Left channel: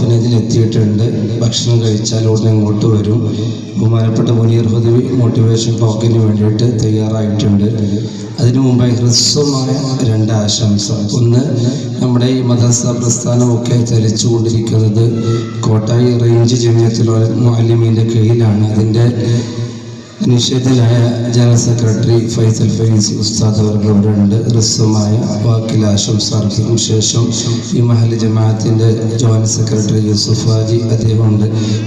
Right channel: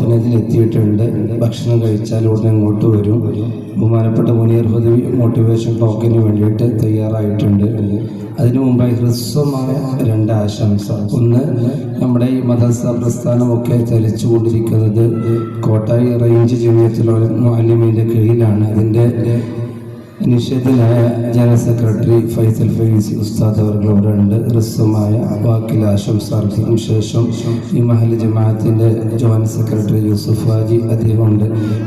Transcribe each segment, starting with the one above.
ഓർഫനേജിൽ എത്തിയിട്ടുണ്ട്. ഭക്ഷണം കഴിച്ചാൽ ഉടനെ ഇങ്ങോട്ട് വരും. ബഹുമാനപ്പെട്ട മുനീർ ഹുദവി മോട്ടിവേഷൻ ടോക്കിന് വേണ്ടിയിട്ട് തയ്യാറായിട്ടുണ്ട്. അതിനു മുമ്പായി ഹ്രസ്വമായ 2 ആശംസ. ഒന്ന്, നമ്മുടെ ഈ മദ്രസ പ്രസ്ഥാനമൊക്കെ ചലിച്ചുകൊണ്ടിരിക്കുന്നത് കോട്ടായി റേഞ്ച് ജമിയത്തുൽ മുഅല്ലിമീൻ്റെ കീഴിലാണ്. അതിൻ്റെ നിഷേധനായ ജനറൽ സെക്രട്ടറി ഫൈസൽ ഫൈസി ഉസ്താദ് അവർക്കിവിടെ ഉണ്ട്. ഹ്രസ്വമായ വാക്കിൽ ആശംസ അർപ്പിക്കും ശേഷം ഈ മഹല്ല് ജമാഅത്തിൻ്റെ ജോയിന്റ് സെക്രട്ടറി യൂസുഫ് ഹാജി അദ്ദേഹമുണ്ട്.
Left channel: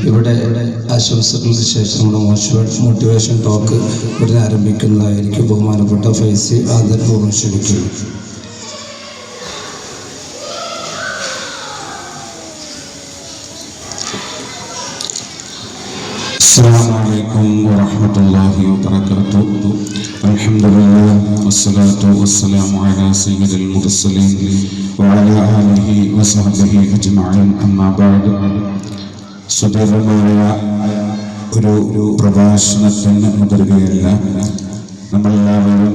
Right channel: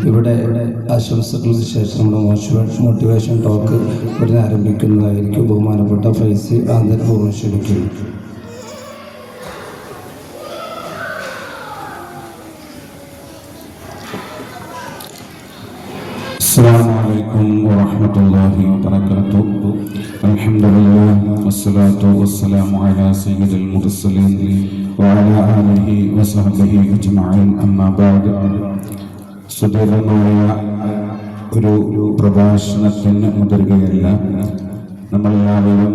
ഇവിടെ ആശംസകൾക്ക് ശേഷം മോട്ടിവേഷൻ ടോക്ക് ഇവിടെ ആരംഭിക്കുന്നതായിരിക്കും. ബഹുമാനപ്പെട്ട ഫൈസി ആദരപൂർവ്വം ക്ഷണിക്കുന്നു. Assalamualaikum warahmatullahi wabarakatuh. Alhamdulillah wassalatu wassalamu ala sayyidil mursalin wa ala alihi wa sahbihi ajma'in. Amma ba'd. സുദീർഘമായ ഒരു പ്രഭാഷണത്തിന് മുതിരുകയല്ല. നമ്മളെല്ലാവരും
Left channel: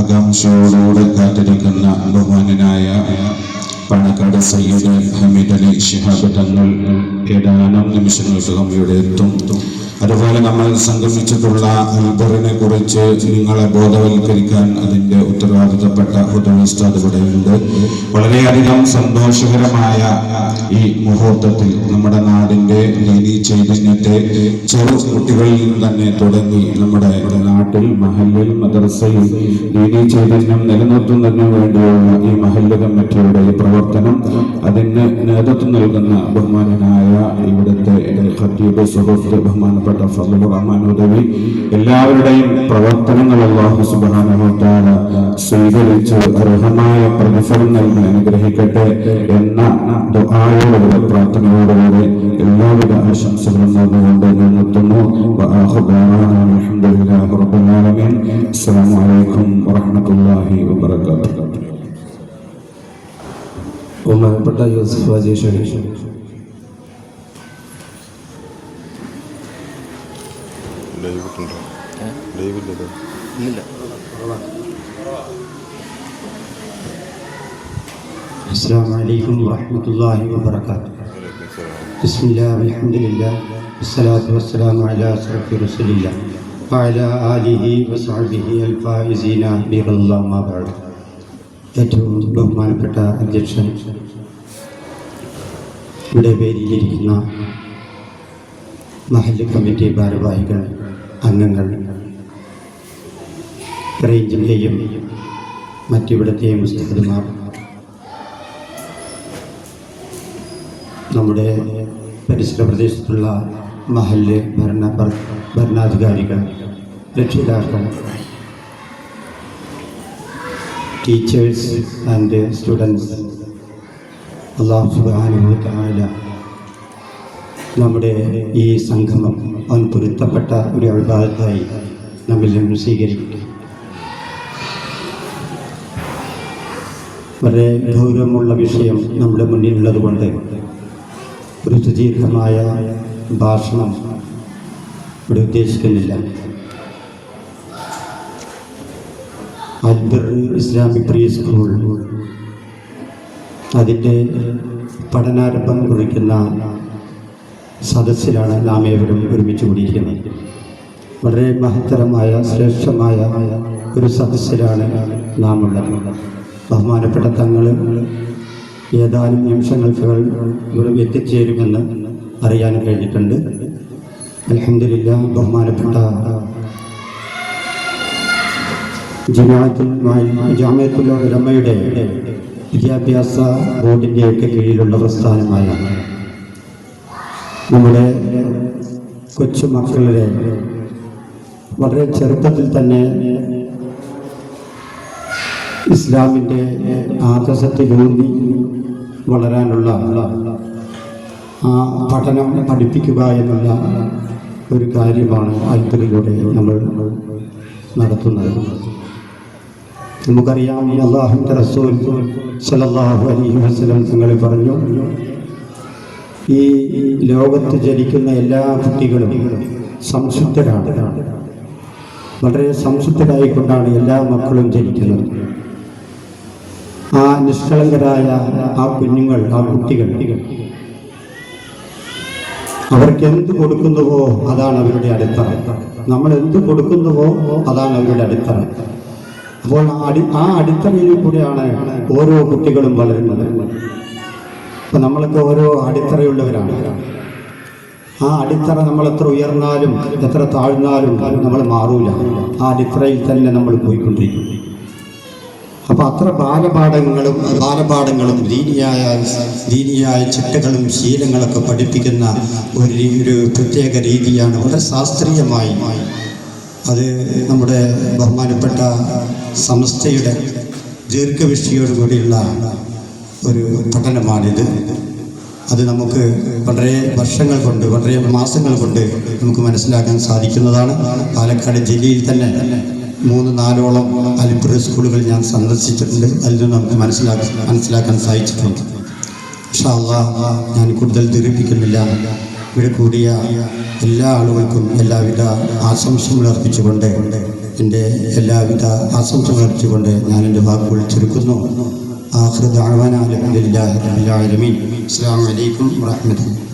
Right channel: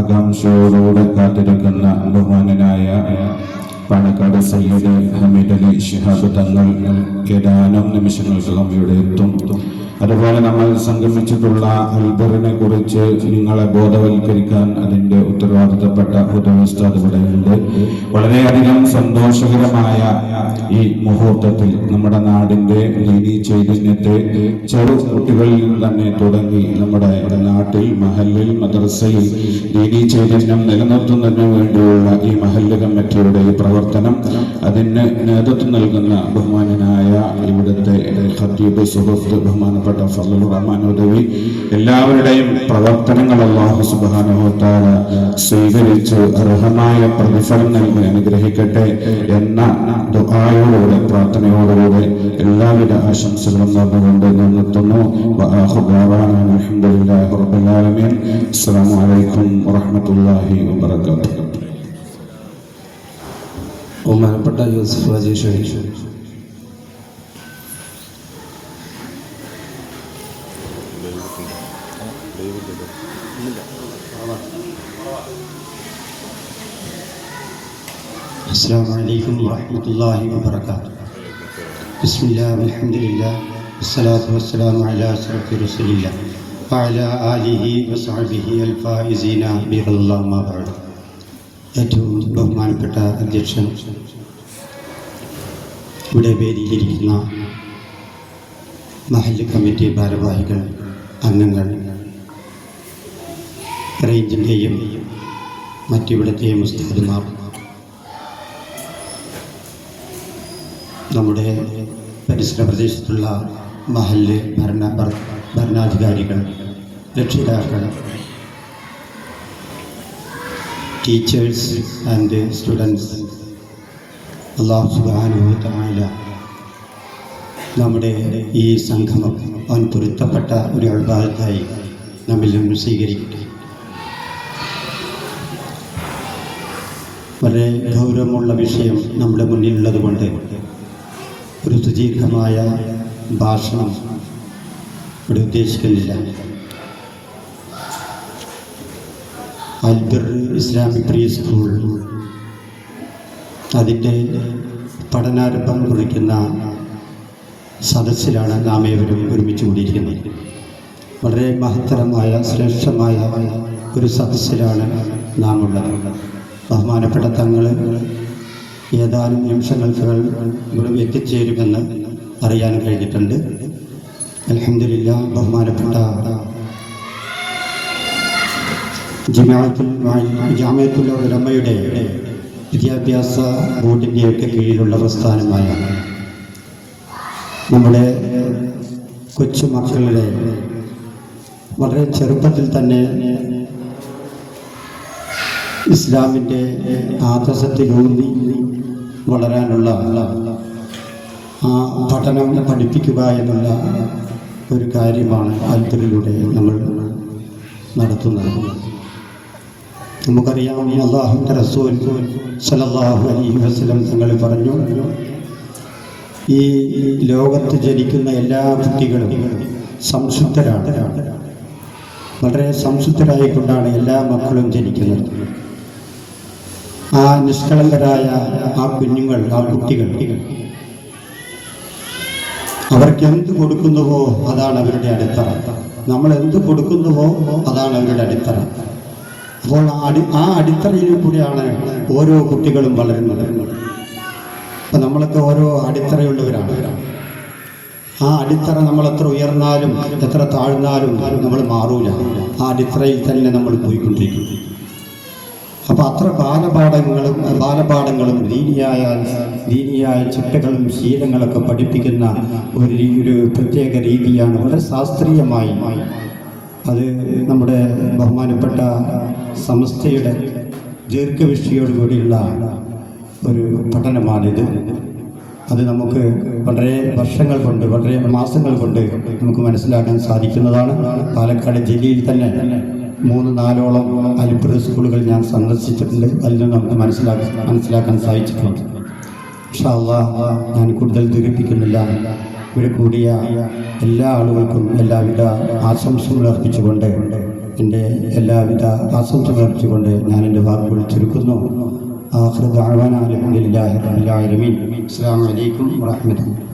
ആകാംക്ഷയോടുകൂടെ കാത്തിരിക്കുന്ന ബഹുമാനനായ പാണക്കാട് സയ്യിദ് ഹമീദ് അലി ശിഹാബ് തങ്ങൾ ഏതാനും നിമിഷങ്ങൾക്കകം ഇവിടെ എത്തും. അതുപോലെ നമ്മൾ സംഗമിച്ചിട്ടുള്ള അൽബറിനെ കുറിച്ച് നിങ്ങളെ ബോധവൽക്കരിക്കാൻ അതിൻ്റെ ഉത്തരവാദിത്തപ്പെട്ട ഹുദവി ഉസ്താദ് ഇവിടെയുണ്ട്. വളരെയധികം സന്തോഷകരമായ ഈ മുഹൂർത്തത്തിൽ നമ്മുടെ നാടിൻ്റെ ദീനീ ചൈതന്യത്തെ ചെറു കുട്ടികളിൽ നിന്ന് തന്നെ തുടങ്ങി നമ്മുടെ നാട്ടിൽ മഹല്ലിൽ മദ്രസയിൽ ദീനീ ചൈതന്യം നിലനിർത്തുന്നതിന് വേണ്ടിയുള്ള ഈ മഹല്ല് കമ്മിറ്റിയുടെ പ്രവർത്തനം, അതിന് നേതൃത്വം നൽകുന്ന ബഹുമാനനായ ഇവിടുത്തെ ഖത്തീബ് സുഹൃത്ത് ബഹുമാനപ്പെട്ട ഫضലുർ റഹ്മാൻ ഹുദവി, എല്ലാവരുടെയും പ്രവർത്തനങ്ങൾ അല്ലാഹു സുബ്ഹാനഹു വ തആല സ്വീകരിച്ച് അർഹമായ പ്രതിഫലം നൽകി അനുഗ്രഹിക്കട്ടെ എന്ന ദുആയോടെ പ്രാർത്ഥനയോടുകൂടി എല്ലാവിധ ആശംസകളും നേർന്നുകൊണ്ട് ഞാൻ നിർത്തുന്നു. അൽഹംദുലില്ലാഹി റബ്ബിൽ ആലമീൻ. അസ്സലാമു അലൈക്കും വറഹ്മത്തുള്ളാഹി വബറകാതുഹു. ബഹുമാനപ്പെട്ട യൂസുഫ് ഹാജി ഷഹീദ്. അസ്സലാമു അലൈക്കും വറഹ്മത്തുള്ളാഹി വബറകാതുഹു. ബിസ്മില്ലാഹി വൽഹംദുലില്ലാഹി വസ്സലാത്തു വസ്സലാമു അലാ അശ്റഫി റസൂലില്ലാഹി വഅലാ ആലിഹി വസഹ്ബിഹി അൽ ഫായിസീന ബിറല്ലാഹി മാ ബഅദ്. ഏറ്റവും ബഹുമാനപ്പെട്ട അധ്യക്ഷൻ, ഇവിടെ വേദിയിലിരിക്കുന്ന മഹല്ല് കമ്മിറ്റി ഭാരവാഹികൾ, അംഗങ്ങൾ, റേഞ്ചിൻ്റെയും മറ്റിവിടത്തെയും ഉസ്താദുമാർ, നമ്മുടെ പരിസര പ്രദേശത്തുള്ള മഹല്ല് ഭരണാധികാരികൾ, രക്ഷിതാക്കൾ, ടീച്ചേഴ്സ് ആൻഡ് സ്റ്റുഡൻസ്, അല്ലാഹു സുബ്ഹാനഹു വ തആല നമ്മുടെ ഈ സംഗമം അവൻ പൊരുത്തപ്പെട്ട ഒരു ഇബാദത്തായി നമ്മിൽ നിന്ന് സ്വീകരിക്കട്ടെ. വളരെ ഗൗരവമുള്ള വിഷയം നമ്മുടെ മുന്നിലുള്ളത് കൊണ്ട് ഒരു സുദീർഘമായ ഭാഷണം ഇവിടെ ഉദ്ദേശിക്കുന്നില്ല. അൽബർ ഇസ്ലാമിക് പ്രീ സ്കൂൾ അതിൻ്റെ പഠനാരംഭം കുറിക്കുന്ന സദസ്സിലാണ് നാം ഏവരും ഒരുമിച്ച് കൂടിയിരിക്കുന്നത്. വളരെ മഹത്തരമായ ശ്രേഷ്ഠമായ ഒരു സദസ്സിലാണ് നാം ഉള്ളത്. ബഹുമാനപ്പെട്ട തങ്ങൾ ഏതാനും നിമിഷങ്ങൾക്ക് ഇവിടെ എത്തിച്ചേരുമെന്ന് അറിയാൻ കഴിഞ്ഞിട്ടുണ്ട്. അൽഹംദുലില്ലാഹ്. ബഹുമാനപ്പെട്ട ജമാഅത്തുൽ ഉലമയുടെ വിദ്യാഭ്യാസ ബോർഡിൻ്റെയൊക്കെ കീഴിലുള്ള പ്രസ്ഥാനമായ നമ്മുടെ കൊച്ചുമക്കളുടെ വളരെ ചെറുപ്പത്തിൽ തന്നെ ഇസ്ലാമിൻ്റെ ആദർശത്തിലൂന്നി വളരാനുള്ള ആ പഠനം പഠിപ്പിക്കുക എന്നുള്ള ഒരു കാര്യമാണ് അൽബറിലൂടെ നമ്മൾ നടത്തുന്നത്. നമുക്കറിയാം, അല്ലാഹുവിൻ്റെ റസൂൽ സ്വല്ലല്ലാഹു അലൈഹി വസല്ലം തങ്ങൾ പറഞ്ഞു, ഈ ലോകത്ത് ജനിക്കുന്ന എല്ലാ കുട്ടികളും സംശുദ്ധരാണ്. വളരെ സംശുദ്ധരായിക്കൊണ്ടാണ് എല്ലാ മക്കളും ജനിക്കുന്നത്. ആ നിഷ്കളങ്കരായ ആ കുഞ്ഞുങ്ങൾ, ആ കുട്ടികൾ അവർക്ക് എന്ത് കൊടുക്കുന്നുവോ അതാണ് അവരുടെ അടിത്തറ. നമ്മൾ എന്ത് കൊടുക്കുന്നുവോ അതാണ് അവരുടെ അടിത്തറ. അപ്പോൾ ആ അടിത്തറയിൽ കൂടിയാണ് ഓരോ കുട്ടികളും വളരുന്നത്. അപ്പം നമ്മളൊക്കെ ഓരോ അടിത്തറയുള്ളവരാണ്. ആ അടിത്തറ നമ്മൾ എത്ര ഉയർന്നാലും എത്ര താഴ്ന്നാലും നമ്മൾ മാറൂല. ആ അടിത്തറയിൽ തന്നെ നമ്മൾ പോയിക്കൊണ്ടിരിക്കും. അപ്പോൾ അത്ര ബാലപാഠങ്ങളും ദീനിയായ ചിട്ടകളും ശീലങ്ങളൊക്കെ പഠിപ്പിക്കുന്ന ഒരു പ്രത്യേക രീതിയാണ്, വളരെ ശാസ്ത്രീയമായി. അത് നമ്മുടെ ബഹുമാനപ്പെട്ട സംസ്ഥയുടെ ദീർഘവീക്ഷയോടുകൂടിയുള്ള ഒരു പഠനമാണിത്. അത് നമുക്ക് വളരെ വർഷങ്ങൾ കൊണ്ട്, വളരെ മാസങ്ങൾ കൊണ്ട് നമുക്ക് മനസ്സിലാക്കാൻ സാധിക്കുന്നതാണ്. പാലക്കാട് ജില്ലയിൽ തന്നെ 3-4ഓളം അലിപ്പുറ സ്കൂളുകൾ ഞാൻ സന്ദർശിച്ചിട്ടുണ്ട്. അതിൽ നിന്ന് നമുക്ക് മനസ്സിലാക്കാൻ സാധിച്ചിട്ടുണ്ട്. ഇൻഷാ അല്ലാഹ് ഞാൻ കൂടുതൽ ദീർഘിപ്പിക്കുന്നില്ല. ഇവിടെ കൂടിയ എല്ലാ ആളുകൾക്കും എല്ലാവിധ ആശംസകൾ അർപ്പിച്ചുകൊണ്ട്, എൻ്റെ എല്ലാവിധ ആശംസകൾ അർപ്പിച്ചുകൊണ്ട് ഞാൻ എൻ്റെ വാക്കുകൾ ചുരുക്കുന്നു. ആഖിറു ദഅ്വാനാ അൽഹംദുലില്ലാഹി റബ്ബിൽ ആലമീൻ. അസ്സലാമു അലൈക്കും വറഹ്മത്തുള്ളാഹി.